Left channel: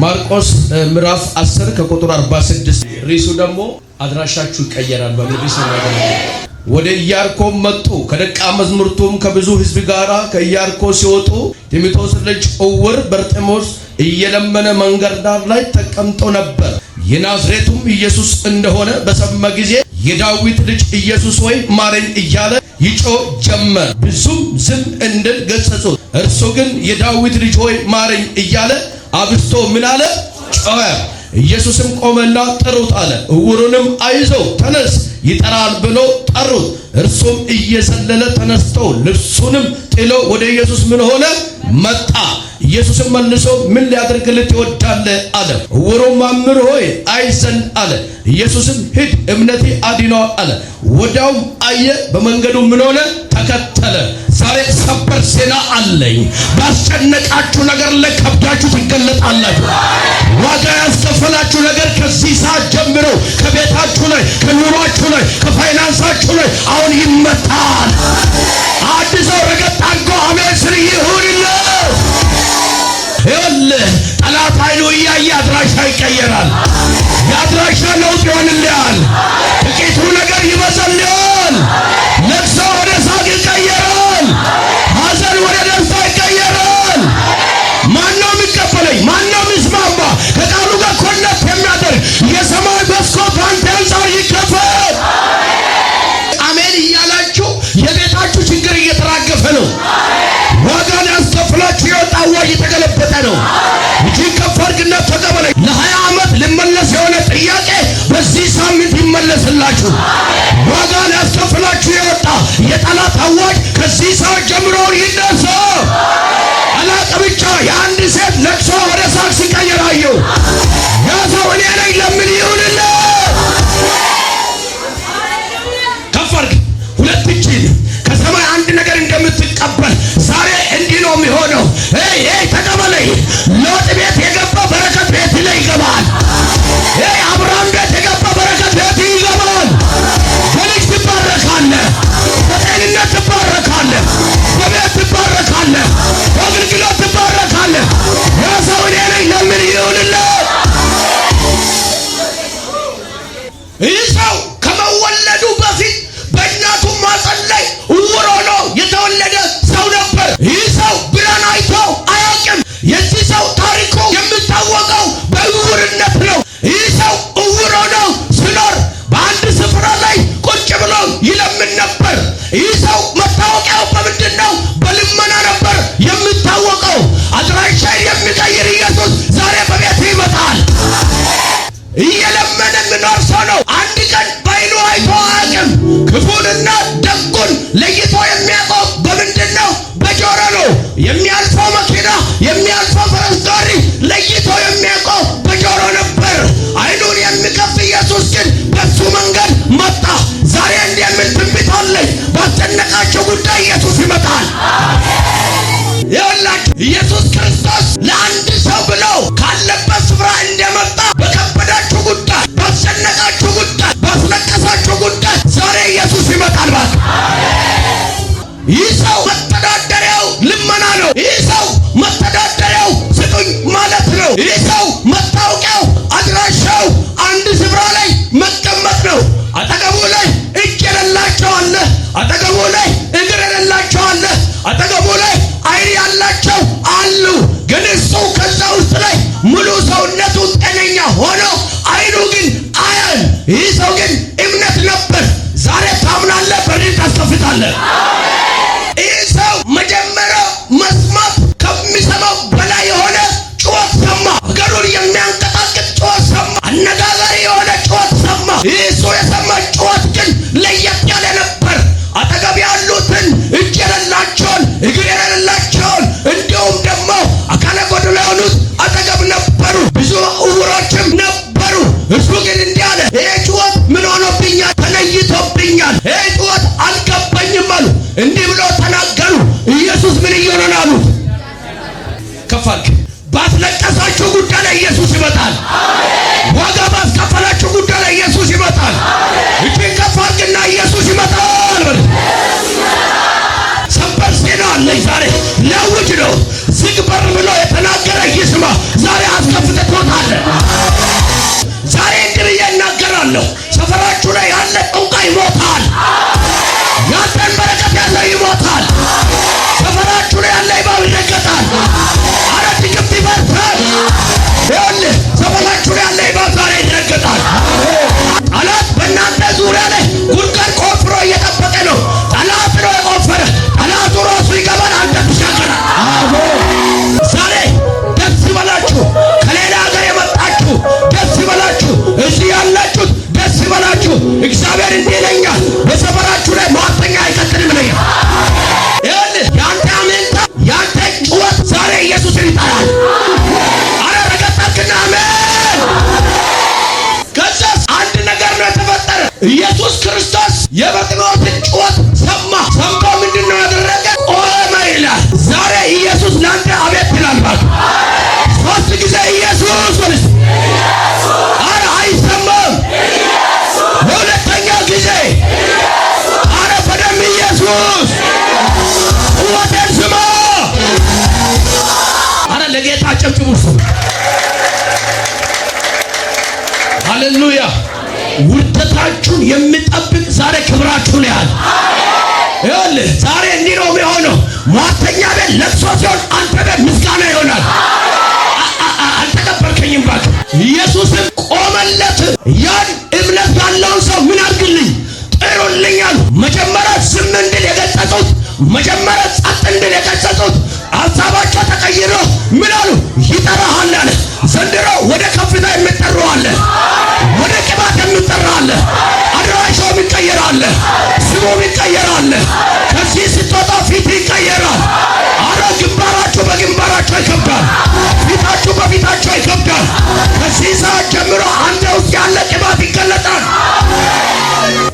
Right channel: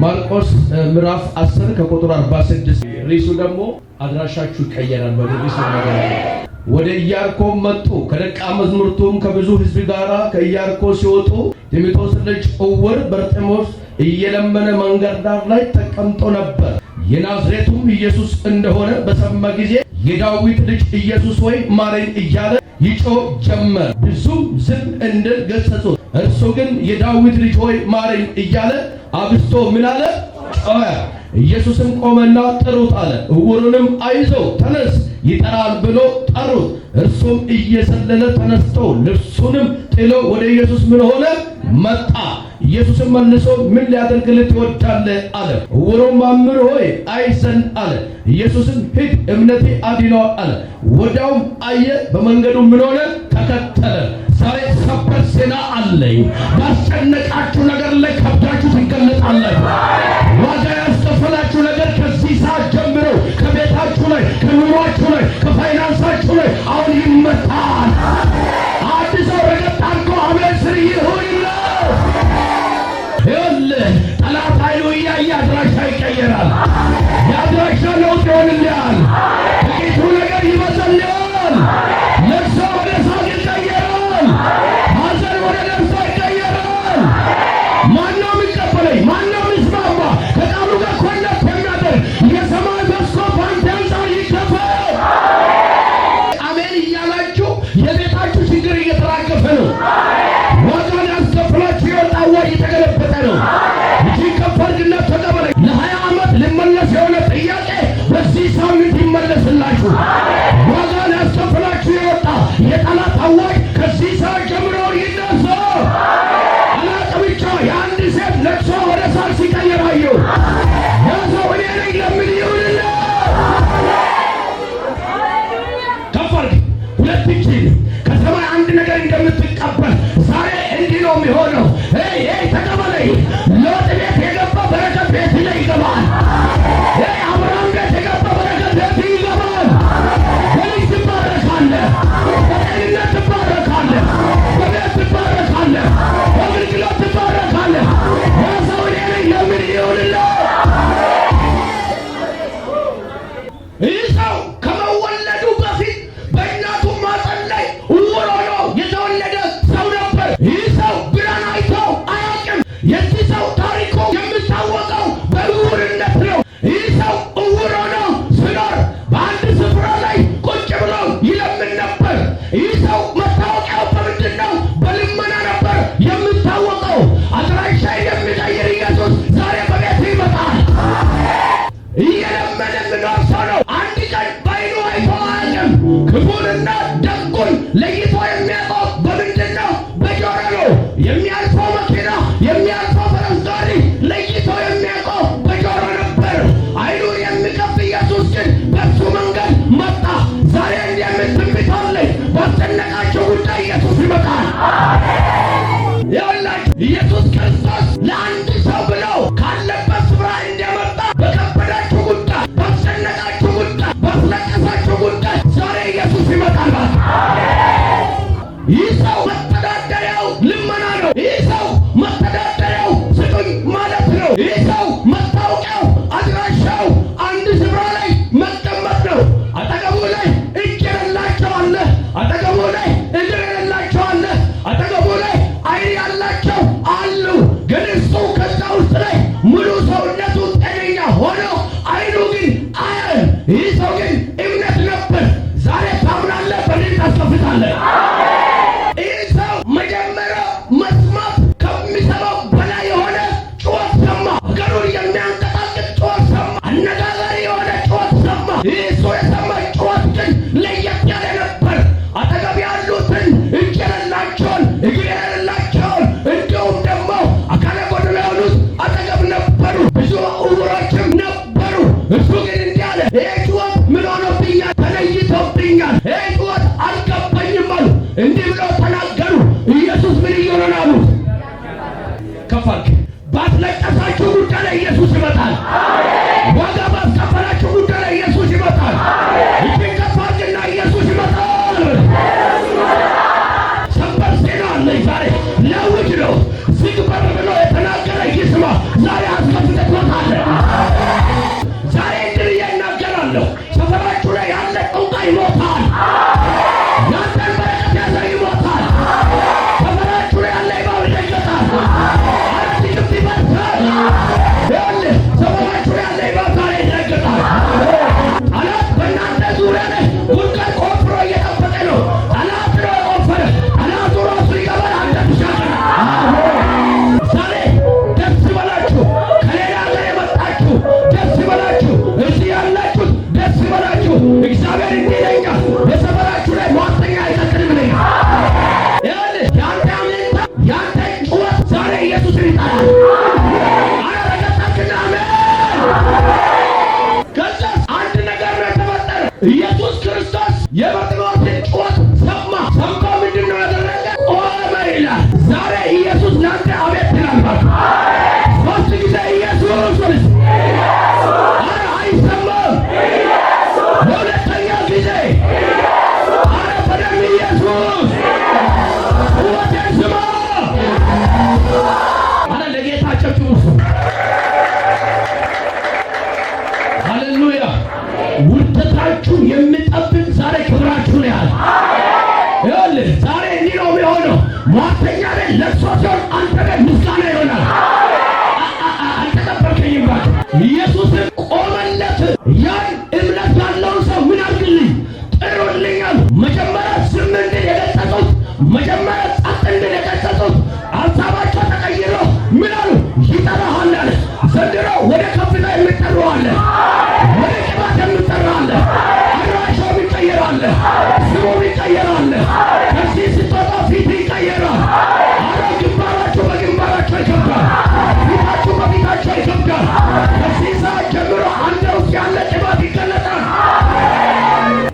ማርቆስ ምዕራፍ 10 ከቁጥር 46 ርዕሱ ደግሞ አድራሻችሁ ይቀየራል በሚል ሲናገር ወደ ኢያሪኮ መጡ። ከደቀ መዛሙርቱም ከብዙ ሕዝብ ጋር ከኢያሪኮ ሲወጡ ጢሞቴዎስ ልጅ ዕውር በርጤሜዎስ እየለመነ መንገድ ዳር ላይ ተቀምጦ ነበር። የናዝሬቱም ኢየሱስ እንደሆነ በሰማ ጊዜ የዳዊት ልጅ ኢየሱስ ሆይ ማረኝ እያለ ይጮህ ጀመረ። ብዙም ዝም እንዲል ገሰጹት። እርሱ ግን የዳዊት ልጅ ሆይ ማረኝ እያለ አብዝቶ ምን አለ? ጮኸ። ኢየሱስም ቆመና ጥሩት አለ። ዕውሩንም አይዞህ ተነስ ይጠራል ብሎ ጠሩት። እርሱም እየዘለለ ተነስቶ ልብሱንም ጥሎ ወደ ኢየሱስ ምን ሆነ? መጣ። ኢየሱስም መልሶ ምን ሊያደርግልህ ትወዳለህ አለ። ዕውሩም መምህር ሆይ አይ ዘንድ አለ። ኢየሱስም ሂድ እምነቴ አድኖሃል አለ። ወዲያውም አየ፣ በመንገዱ ምን ሆነ? ተከተለ። ዛሬ ሰበር ዜና አለኝ። ባስጨነቃችሁ ነገር ላይ ከብዳችሁ ትገለጣላችሁ። ዋጋ ያስከፈላችሁ ነገር ከዚህ ሰዓት ጀምሮ ከቤታችሁ ላይ፣ ከኑሯችሁ ላይ፣ ከፋይናንሳችሁ ላይ አሁን ይመታል። አዲስ ረገጥ አንተ አሜን ስር ይሁንልህ። ይኸውልህ ጠላት ኃይሉ እያየ አድራሻ ይቀየራል። የአድራሻ ለውጥ ይሆንልሃል። ጥቂቱ ነገር ይበዛልሃል። ለቅሶ ወደ ሳቅ ይቀየራል። ሐዘን ወደ ደስታ ይቀየራል። ማነው የሚቀበለኝ? ማነው የሚስማማ? ከቃሉ ጋር ኮኔክት የሚያደርግ የሰማይ መስኮት አንተ አንጻር ይከፈት። አሜን እያላችሁ የቤታችሁ ችግር እየተራገፈ ነው። ዋጋን ያስከፍላችሁ የወጣ አዋጅ የተገለበጠ ነው። እጅን ከፍ አድርግና ተቀበለኝ። ለ20 ዓመት ልመለስ የሆነ ጥያቄ በዚህ ሳምንት ይመለስላችሁ። ዋጋን ያስከፍላችሁ የወጣ የጠላት አዋጅ ከዚህ ሰዓት ጀምሮ ይነሳ። አላቅ ብቻ የአንድ ሴት ለቅሶ ወደ ሳቅ ሲቀየር አየሁ። ያ ሰው እኔ ነኝ። ለምን ይሁንልህ? ከፍ አድርግ ሁለት እጅን ከሰማይ አንድ ነገር እንደምትቀበል ዛሬ እንዲህ ነው የሚሆነው። ተቀበለኝ። ሎጥ ቤት የገባ በረከት ቤት ላይ ይገባል። አብርሃም ቤት የገባ በረከት ቤት ይገባል። በልጅ ትባረካለህ፣ በጤንነት ትባረካለህ፣ በቤት ትባረካለህ፣ በአገልግሎት ትባረካለህ። ሰው እኔ ነኝ። ለምን ይሁንልህ? ይህ ሰው ከመወለዱ በፊት በእናቱ ማፀን ላይ ዕውር ሆኖ የተወለደ ሰው ነበር። ይህ ሰው ብርሃን አይቶ አያውቅም። የዚህ ሰው ታሪኩ የሚታወቀው በዕውርነት ነው። ይህ ሰው ዕውር ሆኖ ሲኖር በአንድ ስፍራ ላይ ቁጭ ብሎ ይለምን ነበር። ይህ ሰው መታወቂያው በምንድን ነው? በልመና ነበር የሚታወቀው። አድራሻ የሚቀይር ኢየሱስ ዛሬ በቤት ይመጣል። እየለመነ የሚኖር ሰው ነው። አንድ ቀን በዓይኑ አይቶ አያውቅም። ክፉንና ደጉን ለይቶ የሚያውቀው በምንድን ነው? በጆሮ ነው። የሚያልፈው መኪና፣ የሚያልፈው ፈረስ ጋሪ ለይቶ የሚያውቀው በጆሮ ነበር። ዓይኑን የሚከፍት ኢየሱስ ግን በሱ መንገድ መጣ። ዛሬ እንዲህ የሚል ትንቢት አለኝ። ባስጨነቃቸው ጉዳይ ኢየሱስ ይመጣል። ይኸውላችሁ ኢየሱስ ክርስቶስ ለአንድ ሰው ብሎ ካለበት ስፍራ እንደመጣ በከበዳችሁ ጉዳይ፣ ባስጨነቃችሁ ጉዳይ፣ ባስለቀሳችሁ ጉዳይ ዛሬ ኢየሱስ ይመጣል። ይህ ሰው መተዳደሪያው ልመና ነው። ይህ ሰው መተዳደሪያው ስጡኝ ማለት ነው። ይህ ሰው መታወቂያው አድራሻው አንድ ስፍራ ላይ መቀመጥ ነው። አጠገቡ ላይ እጅ የሌላቸው አለ፣ አጠገቡ ላይ እግር የሌላቸው አለ፣ አጠገቡ ላይ ዓይን ያላቸው አሉ። ግን እሱ ከዛ ውስጥ ላይ ሙሉ ሰውነቱ ጤነኛ ሆኖ ዓይኑ ግን አያል። ይህ ሰው ግን እምነት ነበር። ዛሬ ታምናለህ፣ በድን ታስከፍታለህ። ይህ ሰው መጀመሪያ መስማት ከሚሰማው በላይ የሆነ ጩኸት ሰማ። ሀገሩን የሚያንቀጣቅጥ ጩኸት ሰማ። አነጋጋሪ የሆነ ጩኸት ሰማ። ይህ እሱ የሰማ ጩኸት ግን ለየት ያለ ነበር። አጠገብ ያሉትን እጅ የሌላቸውን፣ እግር የሌላቸውን እንዲሁም ደግሞ አካለ ጎደሎ የሆኑት አጠገብ ነበሩ። ብዙ ዕውሮችም ነበሩ። እሱ ግን እንዲህ አለ፣ ይህ ጩኸት ምን ሆኖብኛል? ተለይቶብኛል። ይህ ጩኸት አልገባኝም አሉ። እንዲህ ብሎ ተናገሩ። ኢየሱስ ምን እየሆነ ነው አሉት። ከፍ አድርግ። ባስለቀሳችሁ ጉዳይ ላይ ኢየሱስ ይመጣል። ዋጋ ባስከፈላችሁ ጉዳይ ላይ ኢየሱስ ይመጣል። እጅን ከፍ አድርግና ኢየሱስ ይመጣል። ሰበር ዜና አለኝ ዛሬ ሊያውጅ ነው። ዝግ በር ብሎ የተናገረ ይስማ። ዛሬ አስከፍተህ ኢየሱስም ቆመለት። ያን እምነት ያለው ሰው ምን አድርግልኝ ጥሩልኛል። መጀመሪያ ዝም እንድል የገሰጹት፣ መጀመሪያ ጸጥ እንድል የገሰጹት ሀሳባቸው ተቀይሮ ምን አሉ? ይጠራሃል አለ። ዘንድሮ ወደ ከፍታ የሚጠራው አለ፣ ወደ ቅባት የሚጠራው አለ፣ አድራሻው ይቀየራል፣ ስሙ ይቀየራል። ከዚህ ስትወጣ ፊት ይቀየራል። አረ ግንባራችሁ በግንባራችሁ ይከብዳል፣ ፊታችሁ በፊታችሁ ይከብዳል። ከዚህ ሰዓት ጀምሮ አንተ ውስጥ ያለ ቅባት ይገለጣል።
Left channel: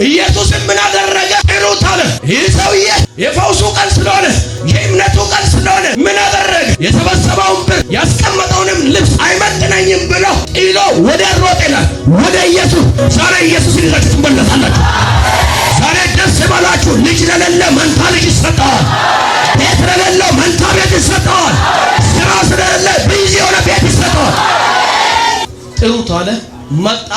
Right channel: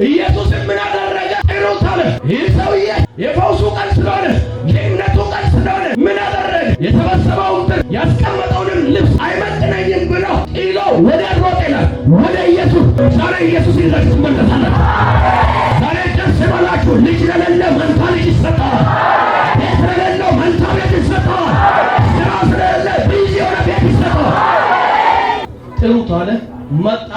ኢየሱስም ምን አደረገ? ጥሩት አለ። ይህ ሰውዬ የፈውሱ ቀን ስለሆነ የእምነቱ ቀን ስለሆነ ምን አደረገ? የሰበሰበውን ብር ያስቀመጠውንም ልብስ አይመጥነኝም ብሎ ጥሎ ወደ ሮጥ ይላል ወደ ኢየሱስ። ዛሬ ኢየሱስ ይዛችሁ ትመለሳላችሁ። ዛሬ ደስ ይበላችሁ። ልጅ ለሌለ መንታ ልጅ ይሰጠዋል። ቤት ለሌለው መንታ ቤት ይሰጠዋል። ስራ ስለሌለ ቢዚ የሆነ ቤት ይሰጠዋል። ጥሩት አለ። መጣ።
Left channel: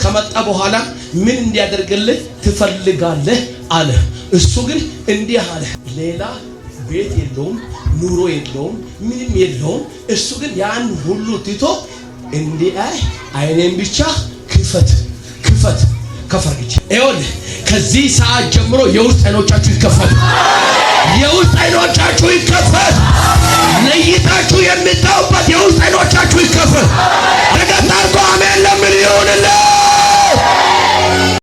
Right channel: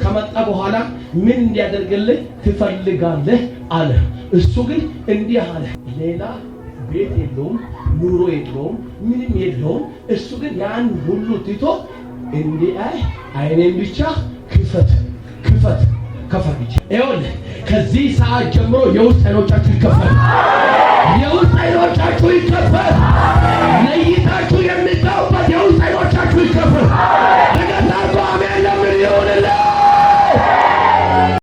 ከመጣ በኋላ ምን እንዲያደርግልህ ትፈልጋለህ አለ። እሱ ግን እንዲህ አለ። ሌላ ቤት የለውም፣ ኑሮ የለውም፣ ምንም የለውም። እሱ ግን ያን ሁሉ ትቶ እንዲህ አይኔን ብቻ ክፈት ክፈት ከፈርች። ይኸውልህ ከዚህ ሰዓት ጀምሮ የውስጥ አይኖቻችሁ ይከፈት፣ የውስጥ አይኖቻችሁ ይከፈት። ለይታችሁ